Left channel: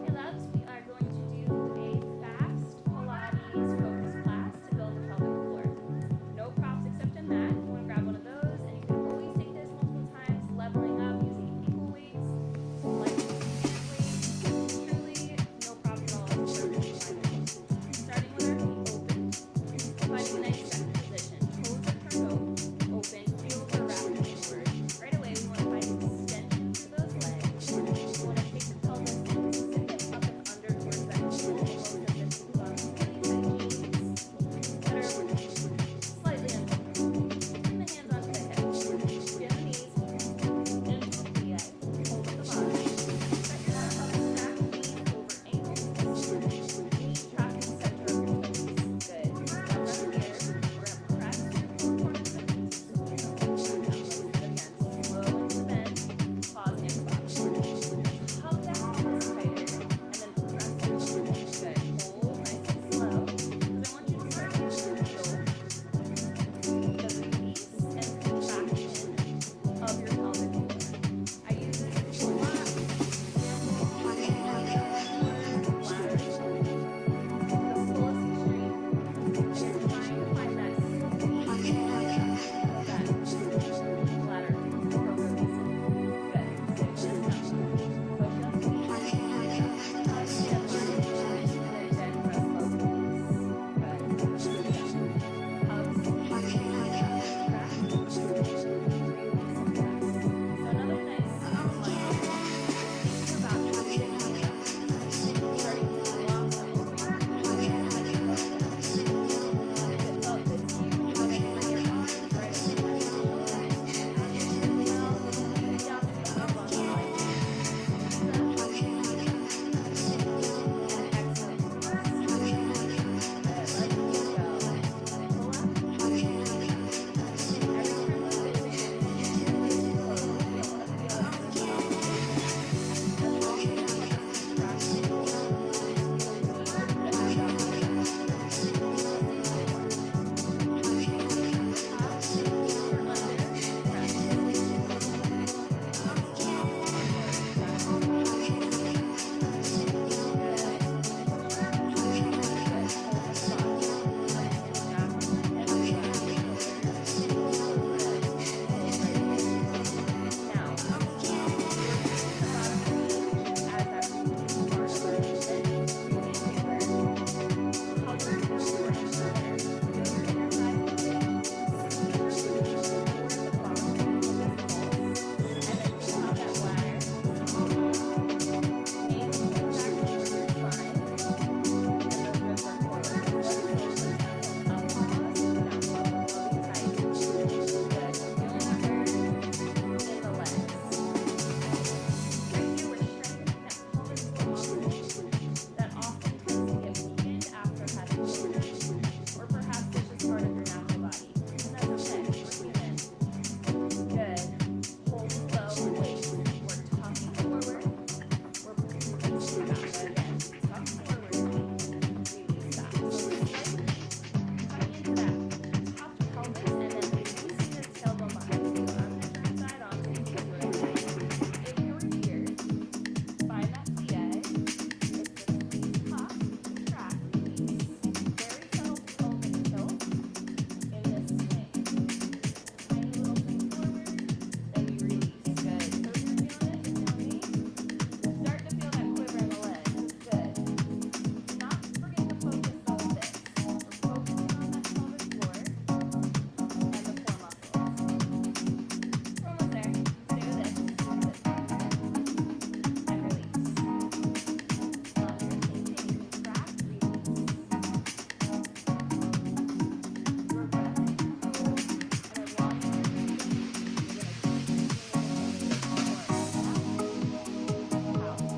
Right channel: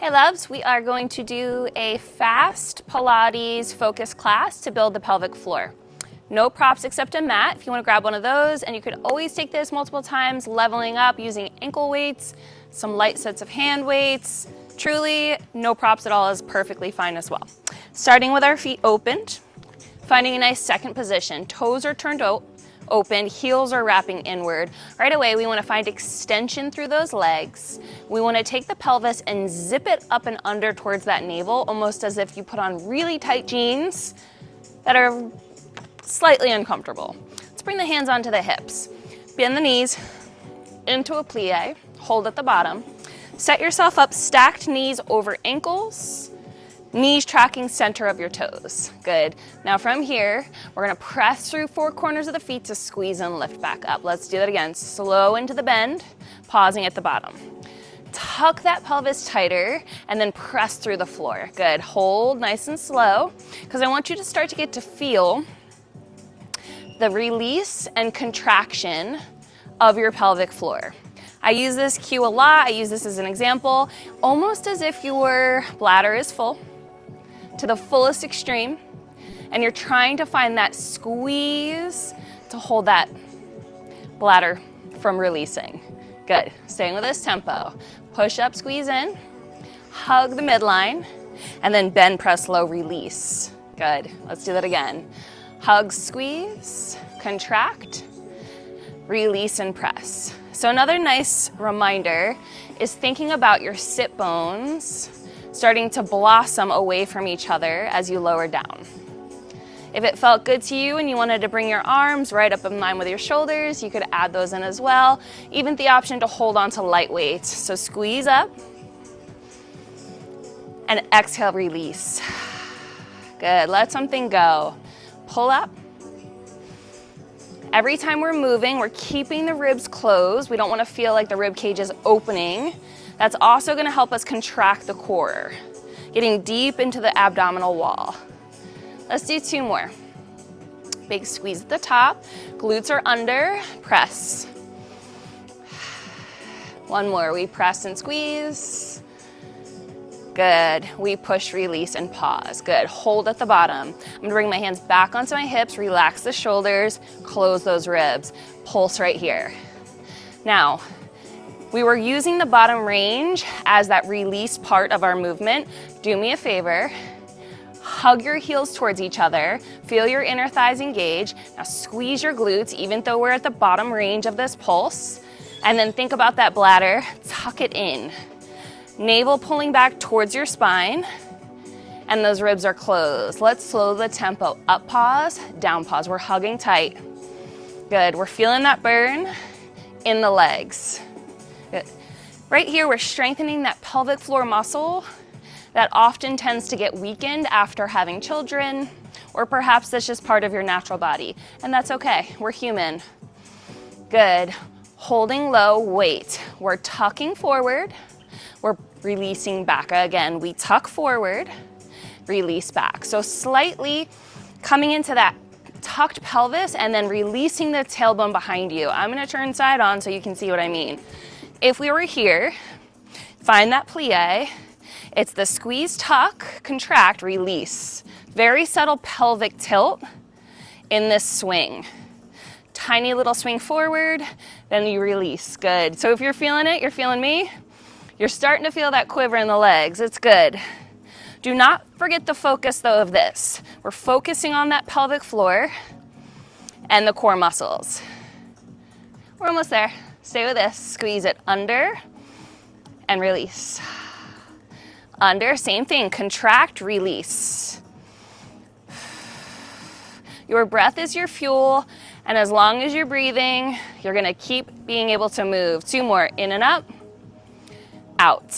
Hey loves, we are going to do a fast Pilates focus class to build the pelvic floor. No props except a mat if you want to grab one of those, and you could always take this multiple times, leveling up using ankle weights, some light sets of hand weights. Truly, no props at all is perfectly fine as well. Starting with our feet opened, finding a nice second position. Toes are turned open, heels are wrapping inward. Right away, we want to find extension through those legs. We want to take the pelvis and zip it up and under towards that navel, almost as if you put on really tight jeans that are slightly uncomfortable. Let's bring the hands onto the hips. Bend the knees into a plie, hold at the bottom. Set yourself up, stacked knees over ankles, knees tracking center of your toes. Good. Now from here, we're gonna press through four corners of the feet to squeeze and lift back up. Let's do that again. Slow into the bend, pausing at the bottom. Tuck that pelvis tighter and then press through the floor. Good. Hold nice and slow, because I want you to start to get to feel the release and contraction of your pelvic floor. I use this cue a lot. I use this as an example, almost as if your bladder is full to the fullest extreme, and you're trying to find that squeeze to hold that bladder from releasing. Good. Staying with this tempo. Push up, squeeze in, hug the midline, and then bend, press, low, release. Good. Let's do that again. Hug, squeeze, contract, release, and press. So another nice reminder is thinking about your sit bones starting to blossom away from each other as you lower down. If it felt good to you and you wanted to bring your arms right up in line with your shoulders, you could add those in as well. Even the option to hold on to light weights. So squeeze up and exhale, release. Good, let something go. Pull up. Every time we're moving, we're keeping the ribs closed. We don't want to feel like the rib cage is opening. That's also going to help us contract the core, getting deep into the abdominal wall. Let's do two more. Big squeeze at the top, glutes are under, press. One more, we press and squeeze. Good, we push, release, and pause. Good, hold at the bottom. I'm gonna bring my hands back onto my hips, relax the shoulders, close those ribs. Pulse right here. Now, we were using the bottom range as that release part of our movement. Do me a favor, hug your heels towards each other, feel your inner thighs engage. Now squeeze your glutes, even though we're at the bottom range of this pulse. And then think about that bladder, tuck it in. Navel pulling back towards your spine, and those ribs are closed. Let's slow the tempo. Up pause, down pause. We're hugging tight. Good, we're feeling that burn in the legs. Good. Right here, we're strengthening that pelvic floor muscle that often tends to get weakened after having children, or perhaps that's just part of your natural body, and that's okay, we're human. Good, holding low, weight. We're tucking forward, we're releasing back. Again, we tuck forward, release back. So slightly coming into that tucked pelvis and then releasing the tailbone behind you. I'm gonna turn side on so you can see what I mean. If we were here, find that plie. It's the squeeze, tuck, contract, release. Very subtle pelvic tilt in this swing. Tiny little swing forward, then you release. Good. So if you're feeling it, you're feeling me, you're starting to feel that quiver in the legs. It's good. Do not forget the focus though of this. We're focusing on that pelvic floor and the core muscles. We're almost there. Stay with this. Squeeze it under and release. Under, same thing. Contract, release. Your breath is your fuel, and as long as you're breathing, you're gonna keep being able to move. Two more. In and up, out.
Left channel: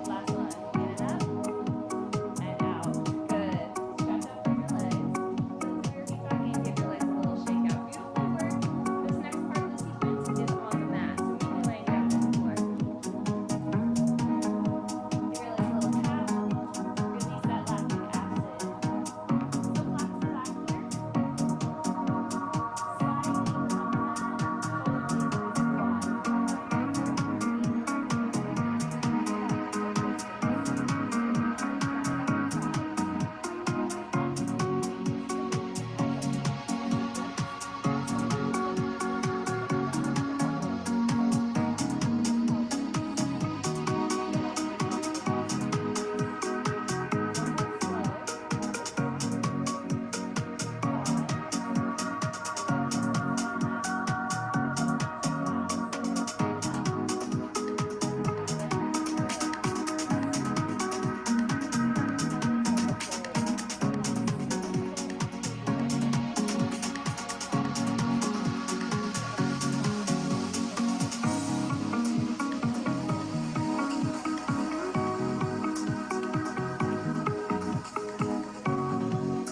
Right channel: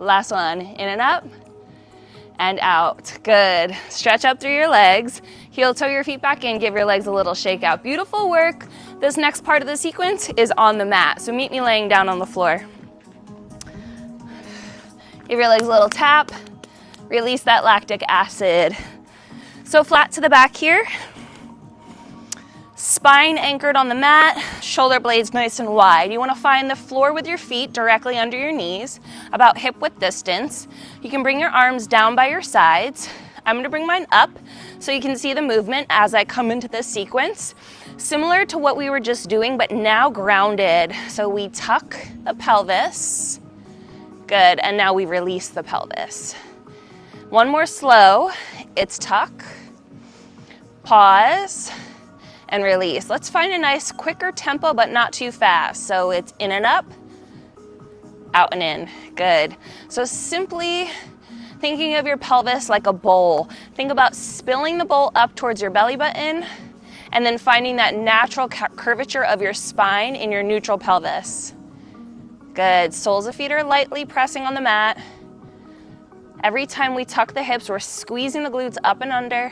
Last one. In and up, and out. Good. Stretch up through your legs. Heel toe your feet back in. Give your legs a little shake out. Beautiful work. This next part of the sequence is on the mat. So meet me laying down on the floor. Give your legs a little tap. Release that lactic acid. So flat to the back here. Spine anchored on the mat. Shoulder blades nice and wide. You want to find the floor with your feet directly under your knees. about hip width distance. You can bring your arms down by your sides. I'm gonna bring mine up so you can see the movement as I come into this sequence. Similar to what we were just doing, but now grounded. So we tuck the pelvis. Good, and now we release the pelvis. One more slow. It's tuck, pause, and release. Let's find a nice quicker tempo, but not too fast. So it's in and up, out and in. Good. So simply thinking of your pelvis like a bowl. Think about spilling the bowl up towards your belly button and then finding that natural curvature of your spine in your neutral pelvis. Good. Soles of feet are lightly pressing on the mat. Every time we tuck the hips, we're squeezing the glutes up and under.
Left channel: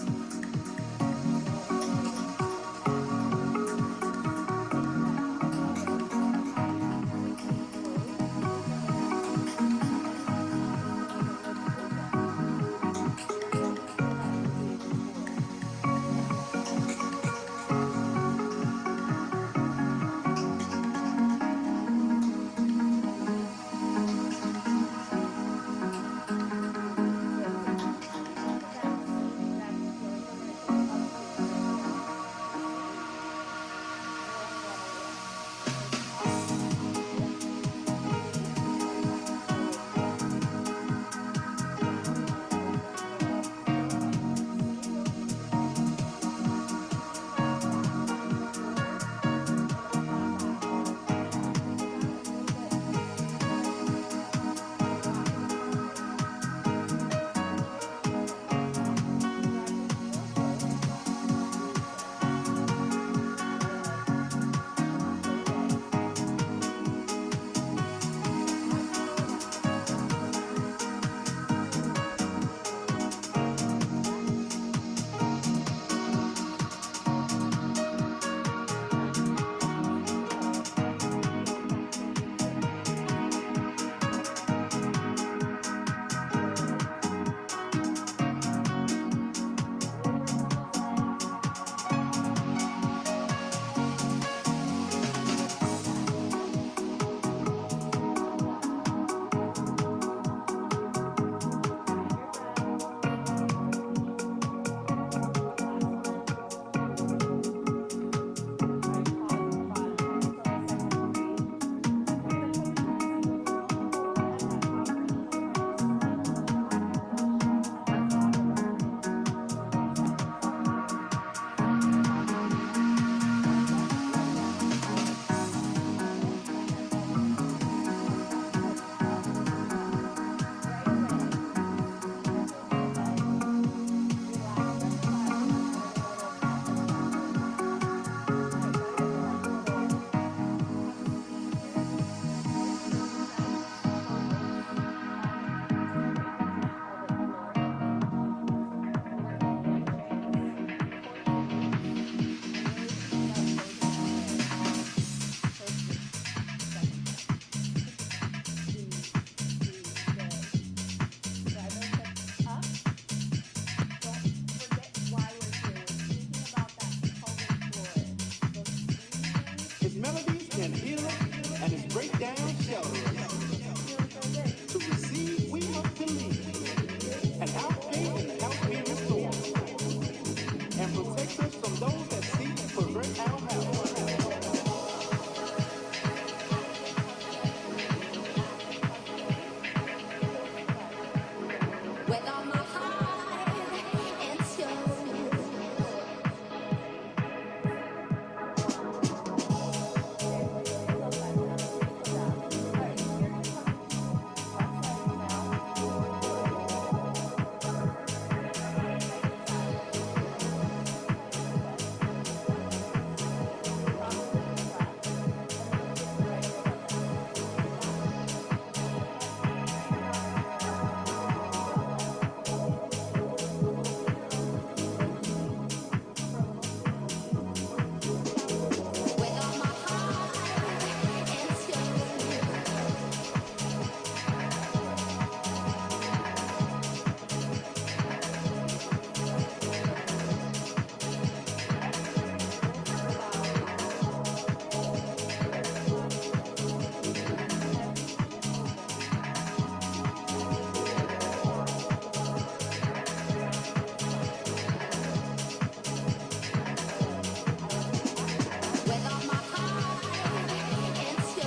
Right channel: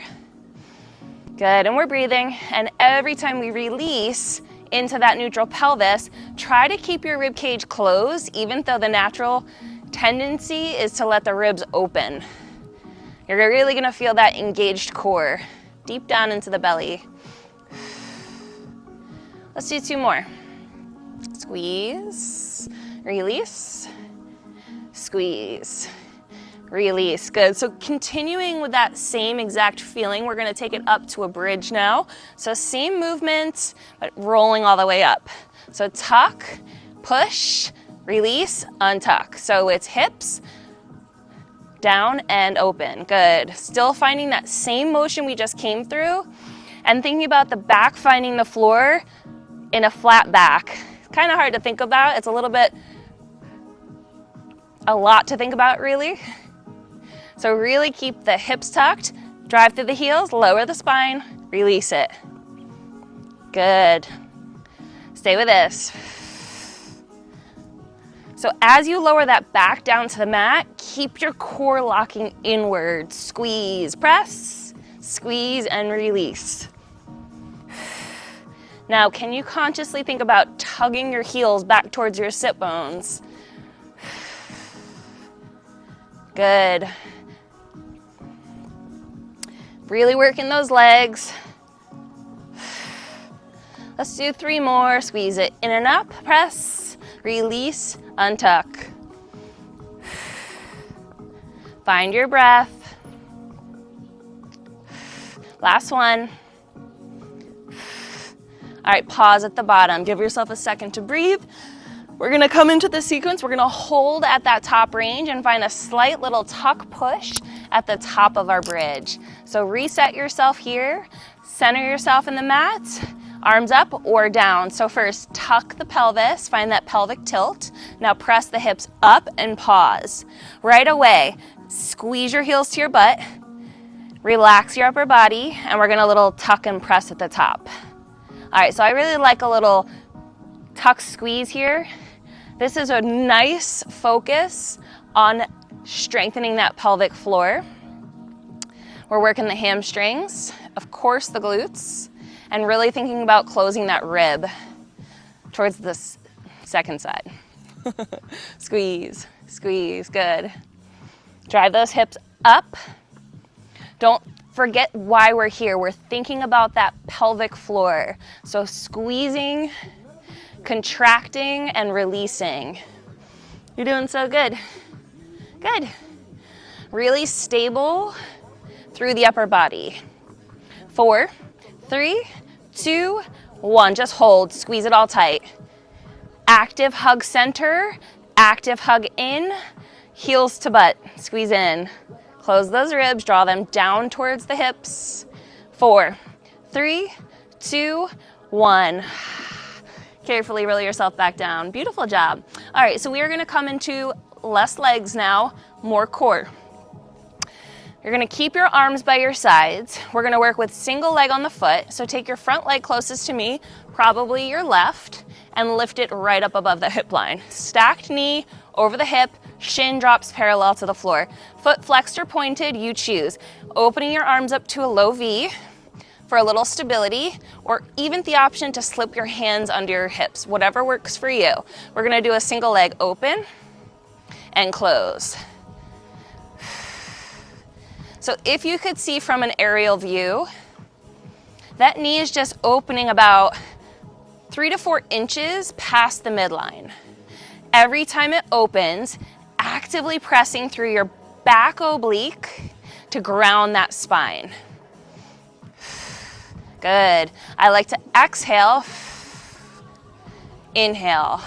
Good, and we're breathing. And every time we release into that neutral pelvis, try to keep your rib cage closed, even though the natural tendency is to let the ribs open. You're really gonna feel that engaged core deep down into the belly. Let's do 2 more. Squeeze, release, squeeze, release. Good. So continuing with that same exact feeling, we're gonna take it up to a bridge now. So same movement, but rolling all the way up. So tuck, push, release, untuck. So it's hips, down and open. Good. Still finding that same motion we just came through and thinking about the back finding the floor in a flat back. Kind of hard to think about. It's a lot to think about really. So really keep the hips tucked, drive through the heels, lower the spine, release it. Good. Stay with this. So as you lower that back down to the mat, keep your core locking inward. Squeeze, press, squeeze, and release. Now, can you consciously think about tugging your heels back towards your sit bones? Good. Really working those legs. Let's do 3 more. Squeeze it in and up, press, release, untuck. Find your breath. Last one. All right, pause at the bottom. Give yourself a second to breathe. We're gonna come into the sequence. We're gonna hold at that top range and find a slight little tuck push at the top of our bridge. So reset yourself here, center yourself in the mat, arms up or down. So first, tuck the pelvis, find that pelvic tilt. Now press the hips up and pause. Right away, squeeze your heels to your butt, relax your upper body, and we're gonna little tuck and press at the top. All right, so I really like a little tuck squeeze here. This is a nice focus on strengthening that pelvic floor. We're working the hamstrings, of course the glutes, and really thinking about closing that rib towards the second side. Squeeze, squeeze, good. Drive those hips up. Don't forget why we're here. We're thinking about that pelvic floor. So squeezing, contracting, and releasing. You're doing so good. Good. Really stable through the upper body. 4, 3, 2, 1. Just hold, squeeze it all tight. Active hug center, active hug in, heels to butt, squeeze in. Close those ribs, draw them down towards the hips. 4, 3, 2, 1. Carefully roll yourself back down. Beautiful job. All right, so we are gonna come into less legs now, more core. You're gonna keep your arms by your sides. We're gonna work with single leg on the foot. So take your front leg closest to me, probably your left, and lift it right up above the hip line. Stacked knee over the hip, shin drops parallel to the floor. Foot flexed or pointed, you choose. Opening your arms up to a low V for a little stability, or even the option to slip your hands under your hips, whatever works for you. We're gonna do a single leg open and close. So if you could see from an aerial view, that knee is just opening about 3 to 4 inches past the midline. Every time it opens, actively pressing through your back oblique to ground that spine. Good. I like to exhale, inhale.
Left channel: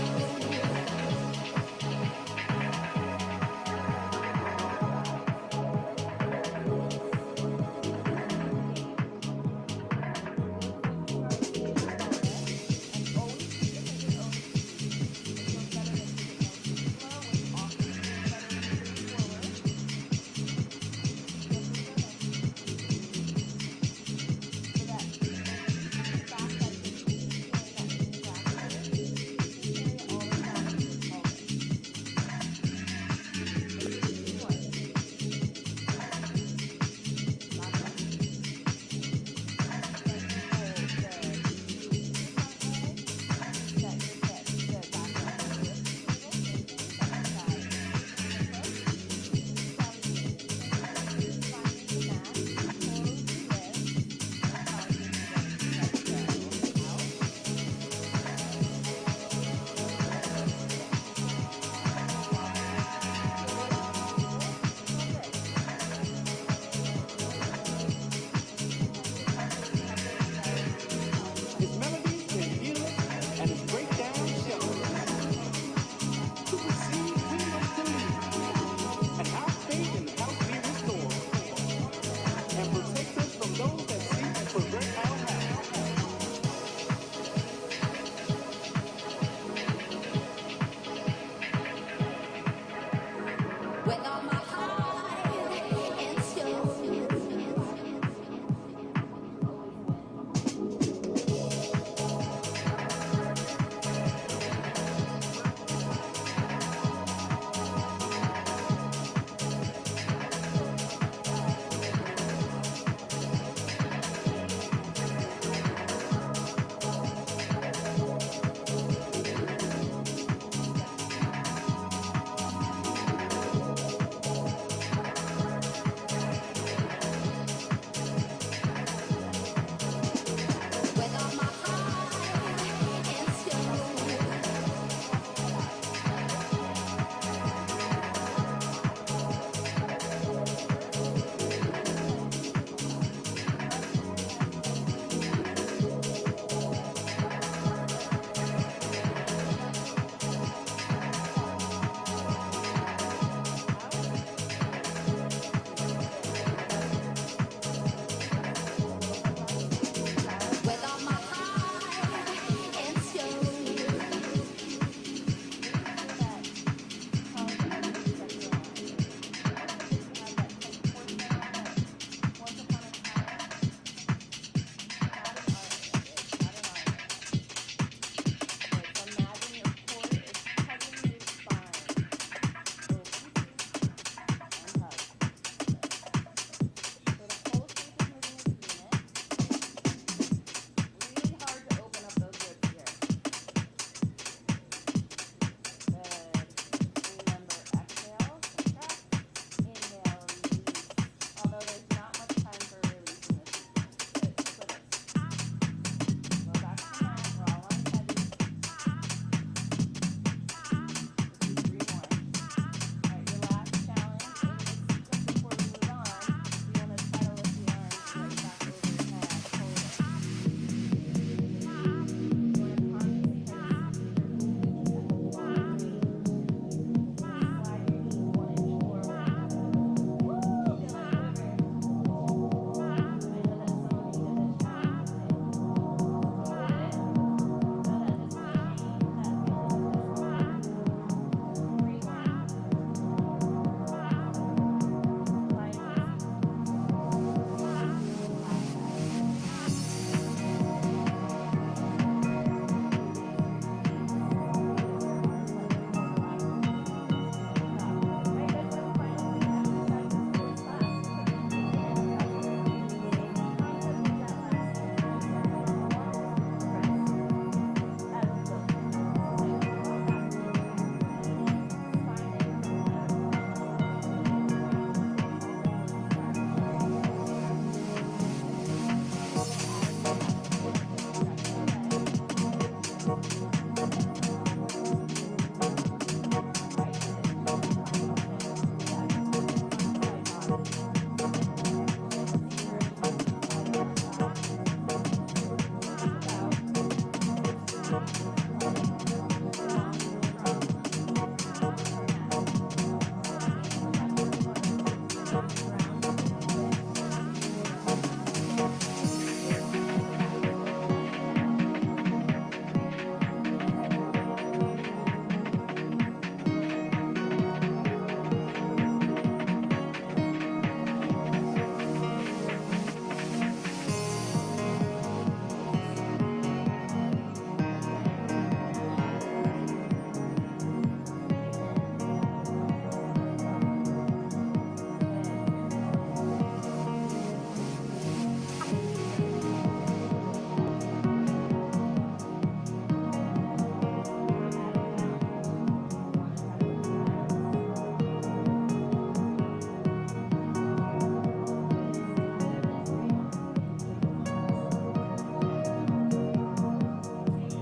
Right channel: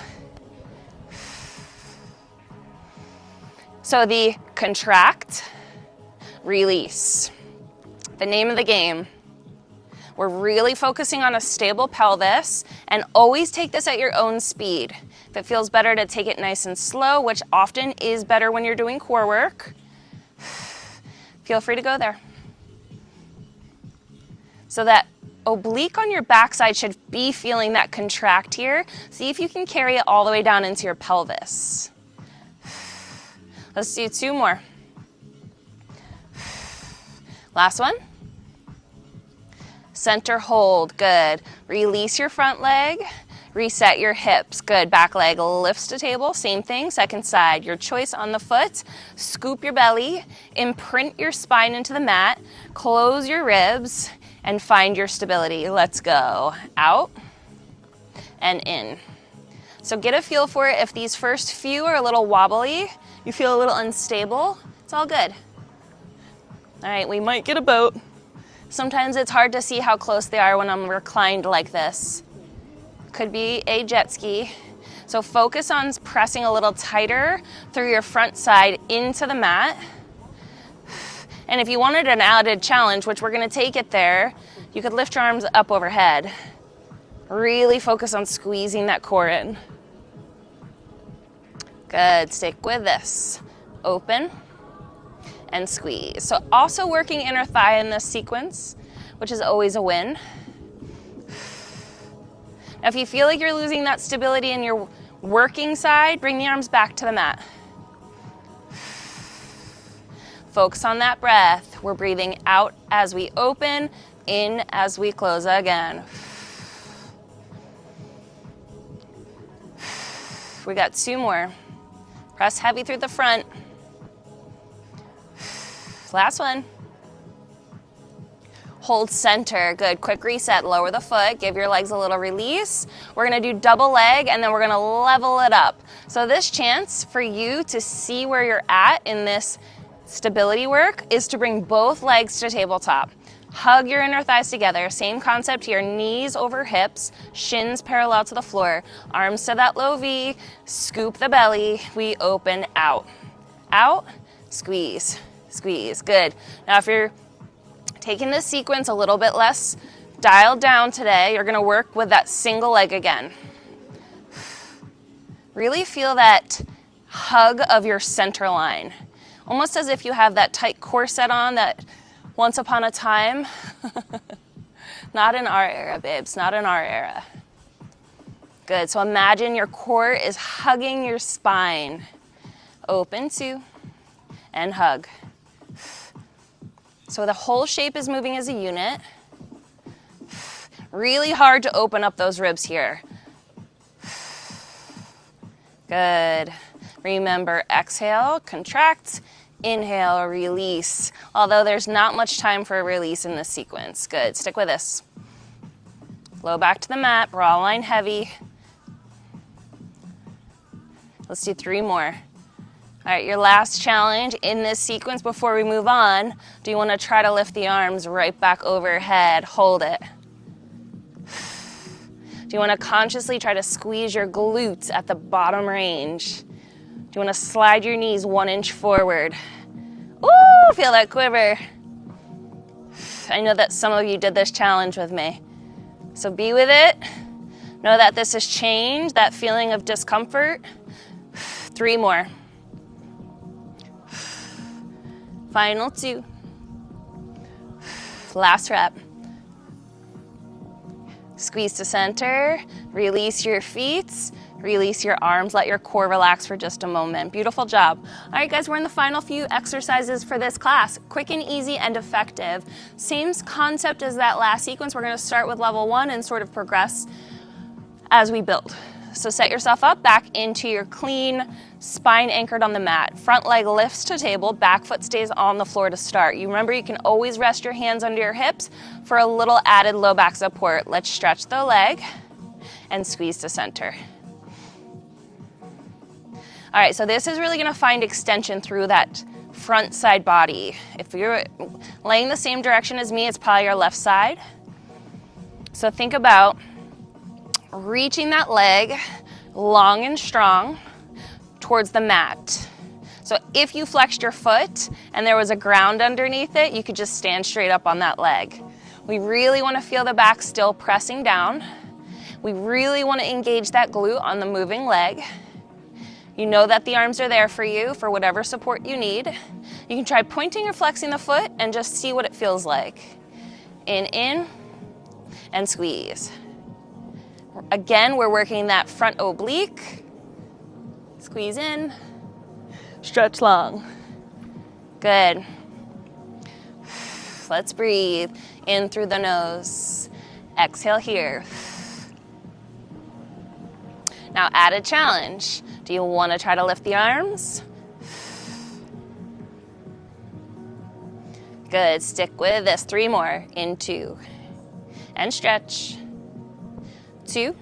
So the contract, release. The name of the game. We're really focusing on a stable pelvis, and always take this at your own speed. If it feels better to take it nice and slow, which often is better when you're doing core work, feel free to go there. So that oblique on your backside should be feeling that contract here. See if you can carry it all the way down into your pelvis. Let's do 2 more. Last one. Center hold, good. Release your front leg, reset your hips, good. Back leg lifts to table, same thing, second side. Your choice on the foot, scoop your belly, imprint your spine into the mat, close your ribs, and find your stability. Let's go. Out and in. So get a feel for it. If these first few are a little wobbly, you feel a little unstable, it's all good. All right, we might get a boat. Sometimes it's hard to see how close they are when I'm reclined like this. Could be a jet ski. So focus on pressing a little tighter through your front side into the mat. And if you wanted an added challenge, which we're gonna take it there, you could lift your arms up overhead. Really focus on squeezing that core in. Good, stick with this. Open and squeeze. So also working inner thigh in this sequence, which is always a win. If you feel like you're losing that stability in your working side, bring the arms back to the mat. Focus on that breath. We're breathing out as we open, in as we close again. We got 2 more. Press heavy through the front. Last one. Hold center, good. Quick reset, lower the foot, give your legs a little release. We're gonna do double leg and then we're gonna level it up. So this chance for you to see where you're at in this stability work is to bring both legs to tabletop. Hug your inner thighs together, same concept here, knees over hips, shins parallel to the floor, arms to that low V, scoop the belly, we open out. Out, squeeze, squeeze, good. Now if you're taking this sequence a little bit less dialed down today, you're gonna work with that single leg again. Really feel that hug of your center line. Almost as if you have that tight corset on that once upon a time. Not in our era, babes, not in our era. Good, so imagine your core is hugging your spine. Open 2 and hug. So the whole shape is moving as a unit. Really hard to open up those ribs here. Good. Remember, exhale, contract, inhale, release. Although there's not much time for a release in this sequence. Good, stick with this. Low back to the mat, raw line heavy. Let's do 3 more. All right, your last challenge in this sequence before we move on, do you wanna try to lift the arms right back overhead, hold it. Do you wanna consciously try to squeeze your glutes at the bottom range? Do you wanna slide your knees 1 inch forward? Ooh, feel that quiver. I know that some of you did this challenge with me. So be with it. Know that this has changed, that feeling of discomfort. 3 more. Final 2. Last rep. Squeeze to center, release your feet, release your arms, let your core relax for just a moment. Beautiful job. All right, guys, we're in the final few exercises for this class. Quick and easy and effective. Same concept as that last sequence. We're gonna start with level 1 and sort of progress as we build. So set yourself up back into your clean spine anchored on the mat. Front leg lifts to table, back foot stays on the floor to start. You remember you can always rest your hands under your hips for a little added low back support. Let's stretch the leg and squeeze to center. All right, so this is really gonna find extension through that front side body. If you're laying the same direction as me, it's probably your left side. So think about reaching that leg long and strong towards the mat. So if you flexed your foot and there was a ground underneath it, you could just stand straight up on that leg. We really want to feel the back still pressing down. We really want to engage that glute on the moving leg. You know that the arms are there for you for whatever support you need. You can try pointing or flexing the foot and just see what it feels like. In, and squeeze. Again, we're working that front oblique. Squeeze in, stretch long. Good. Let's breathe in through the nose. Exhale here. Now add a challenge. Do you want to try to lift the arms? Good, stick with this. 3 more. In 2. And stretch. 2.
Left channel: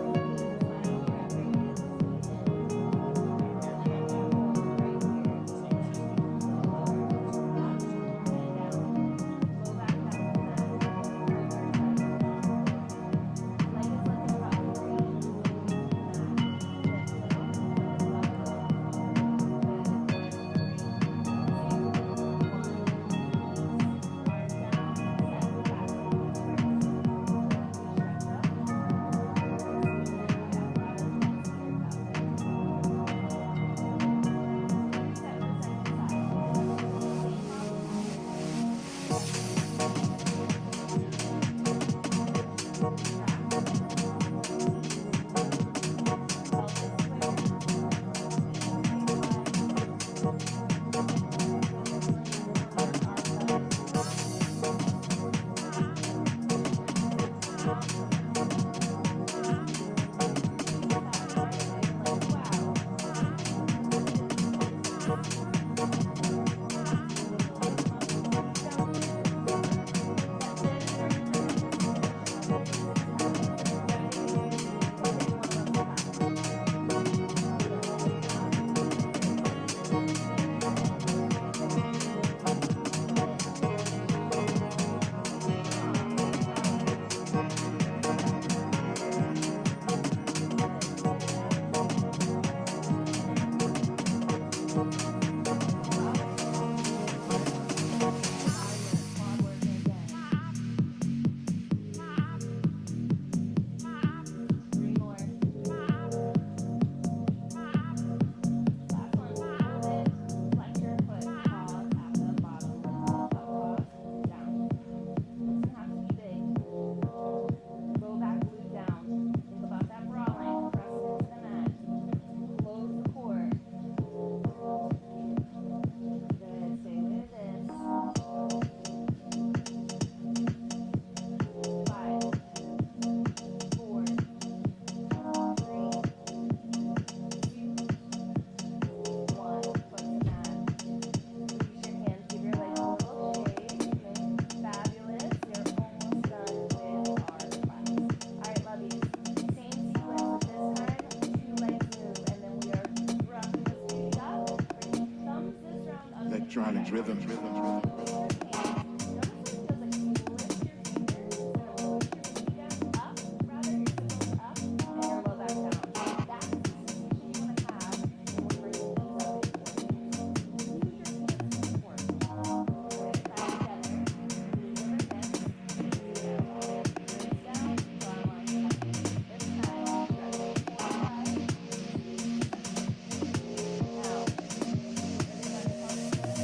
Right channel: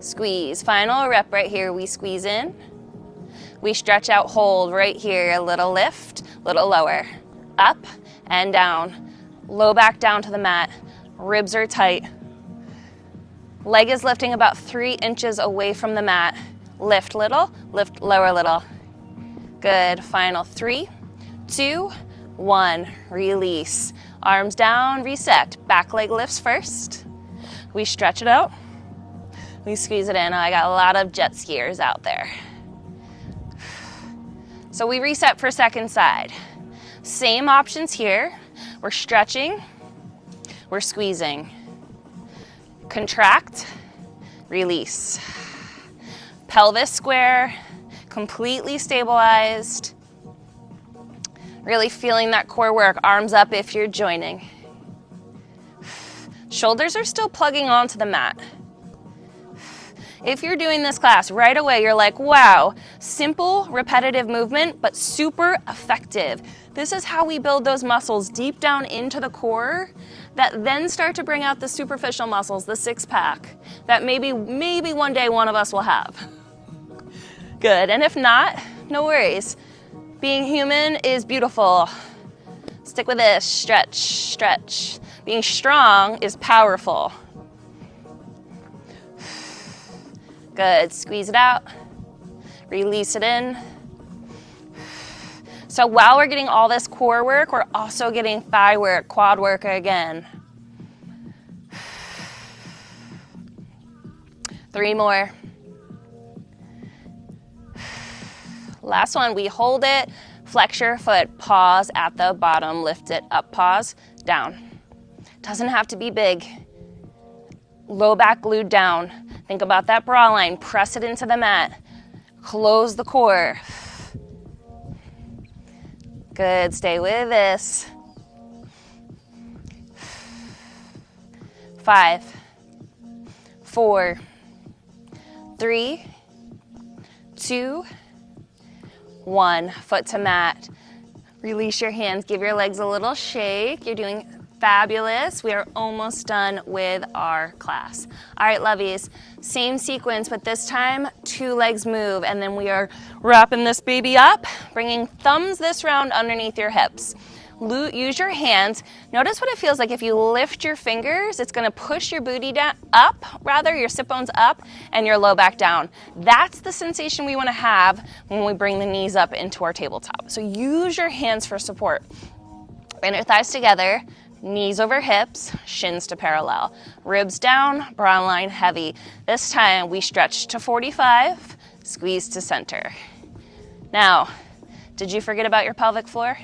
Squeeze. Final rep right here. We squeeze in. We stretch out, hold right here. A little lift, little lower. Up and down. Low back down to the mat. Ribs are tight. Leg is lifting about 3 inches away from the mat. Lift little, lift lower little. Good. Final 3, 2, 1. Release. Arms down, reset. Back leg lifts first. We stretch it out. We squeeze it in. I got a lot of jet skiers out there. So we reset for second side. Same options here. We're stretching, we're squeezing. Contract, release. Pelvis square, completely stabilized. Really feeling that core work, arms up if you're joining. Shoulders are still plugging onto the mat. If you're doing this class, right away you're like, wow, simple, repetitive movement, but super effective. This is how we build those muscles deep down into the core that then start to bring out the superficial muscles, the 6-pack, that maybe one day one of us will have. Good, and if not, no worries. Being human is beautiful. Stick with this, stretch, stretch. Being strong is powerful. Good, squeeze it out, release it in. So while we're getting all this core work, we're also getting thigh work, quad work again. 3 more. Last one, we hold it, flex your foot, pause at the bottom, lift it up, pause, down. Doesn't have to be big. Low back glued down. Think about that bra line, press it into the mat. Close the core. Good, stay with this. 5, 4, 3, 2, 1. Foot to mat. Release your hands, give your legs a little shake. You're doing fabulous. We are almost done with our class. All right, lovies, same sequence, but this time 2 legs move, and then we are wrapping this baby up, bringing thumbs this round underneath your hips. Use your hands. Notice what it feels like if you lift your fingers. It's gonna push your booty down, your sit bones up, and your low back down. That's the sensation we wanna have when we bring the knees up into our tabletop. So use your hands for support. Bring your thighs together, knees over hips, shins to parallel. Ribs down, bra line heavy. This time we stretch to 45, squeeze to center. Now, did you forget about your pelvic floor?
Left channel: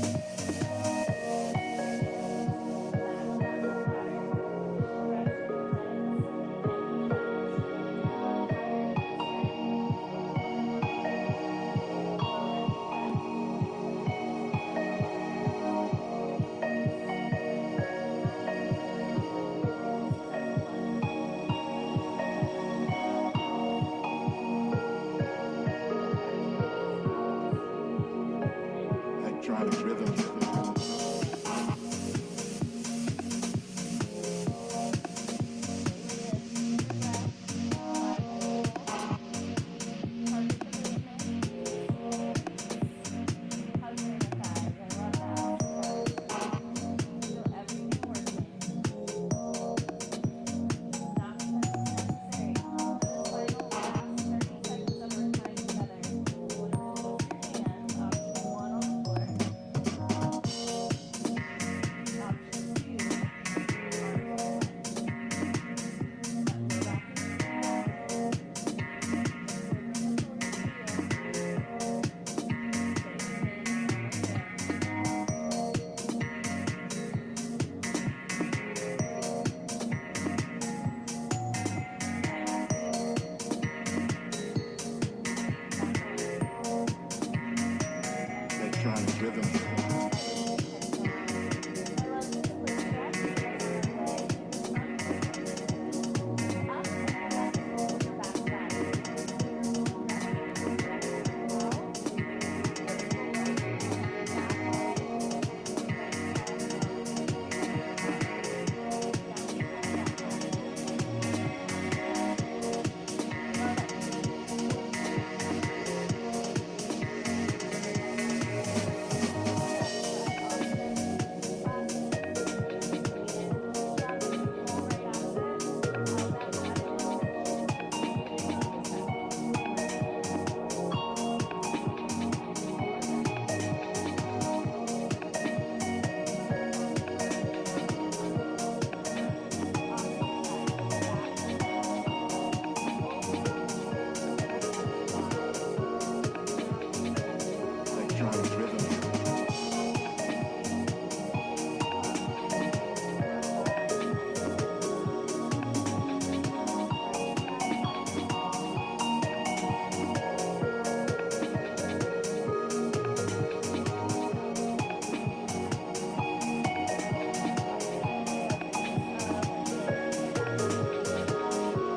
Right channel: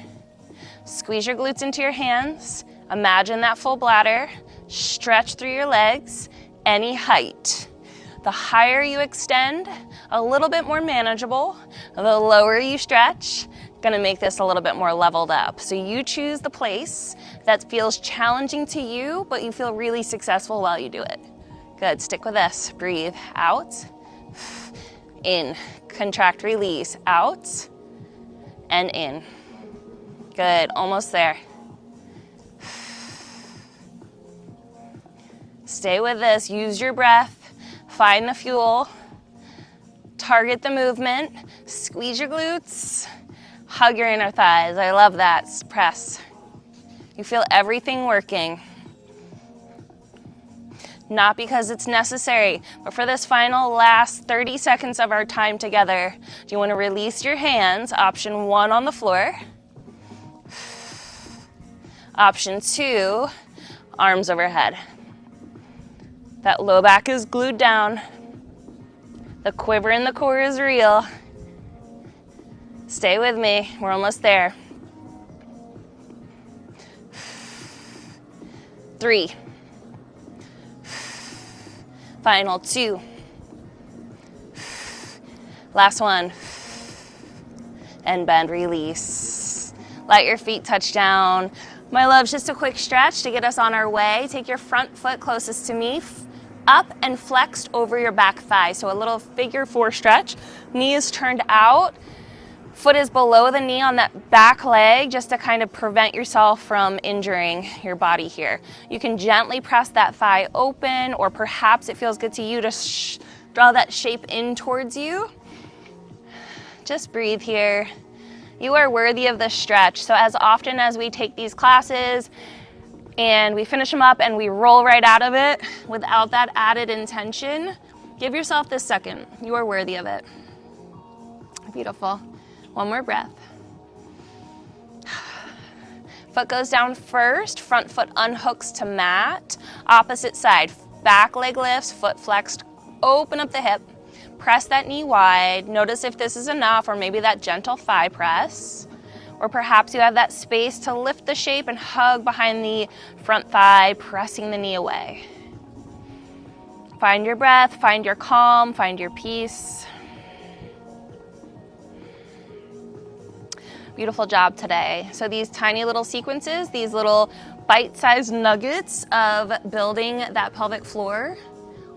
Squeeze your glutes into your hands. Imagine that full bladder. Stretch through your legs, any height. The higher you extend, a little bit more manageable. The lower you stretch, gonna make this a little bit more leveled up. So you choose the place that feels challenging to you, but you feel really successful while you do it. Good, stick with this. Breathe out, in. Contract, release, out, and in. Good, almost there. Stay with this, use your breath, find the fuel. Target the movement, squeeze your glutes, hug your inner thighs. I love that, press. You feel everything working. Not because it's necessary, but for this final last 30 seconds of our time together, you want to release your hands, option 1 on the floor. Option 2, arms overhead. That low back is glued down. The quiver in the core is real. Stay with me, we're almost there. 3. Final 2. Last 1. And bend, release. Let your feet touch down. My loves, just a quick stretch to get us on our way. Take your front foot closest to me, up and flexed over your back thigh. So a little figure 4 stretch. Knee is turned out. Foot is below the knee on that back leg, just to kind of prevent yourself from injuring your body here. You can gently press that thigh open, or perhaps it feels good to you to draw that shape in towards you. Just breathe here. You are worthy of this stretch. So as often as we take these classes and we finish them up and we roll right out of it without that added intention, give yourself this second. You are worthy of it. Beautiful. One more breath. Foot goes down first, front foot unhooks to mat. Opposite side, back leg lifts, foot flexed, open up the hip. Press that knee wide. Notice if this is enough, or maybe that gentle thigh press. Or perhaps you have that space to lift the shape and hug behind the front thigh, pressing the knee away. Find your breath, find your calm, find your peace. Beautiful job today. So these tiny little sequences, these little bite-sized nuggets of building that pelvic floor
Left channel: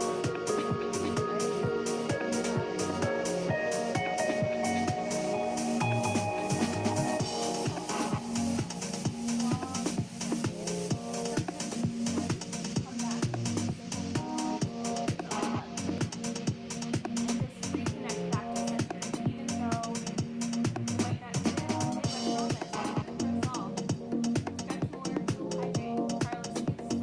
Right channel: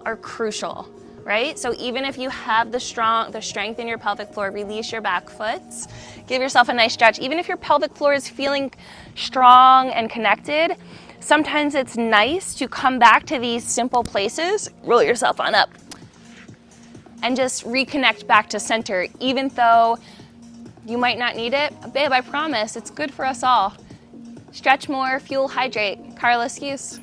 are crucial, right? So even if you have the strength in your pelvic floor, release your back foot, give yourself a nice stretch. Even if your pelvic floor is feeling strong and connected, sometimes it's nice to come back to these simple places, roll yourself on up, and just reconnect back to center, even though you might not need it. Babe, I promise, it's good for us all. Stretch more, fuel, hydrate. Carla Skeuse.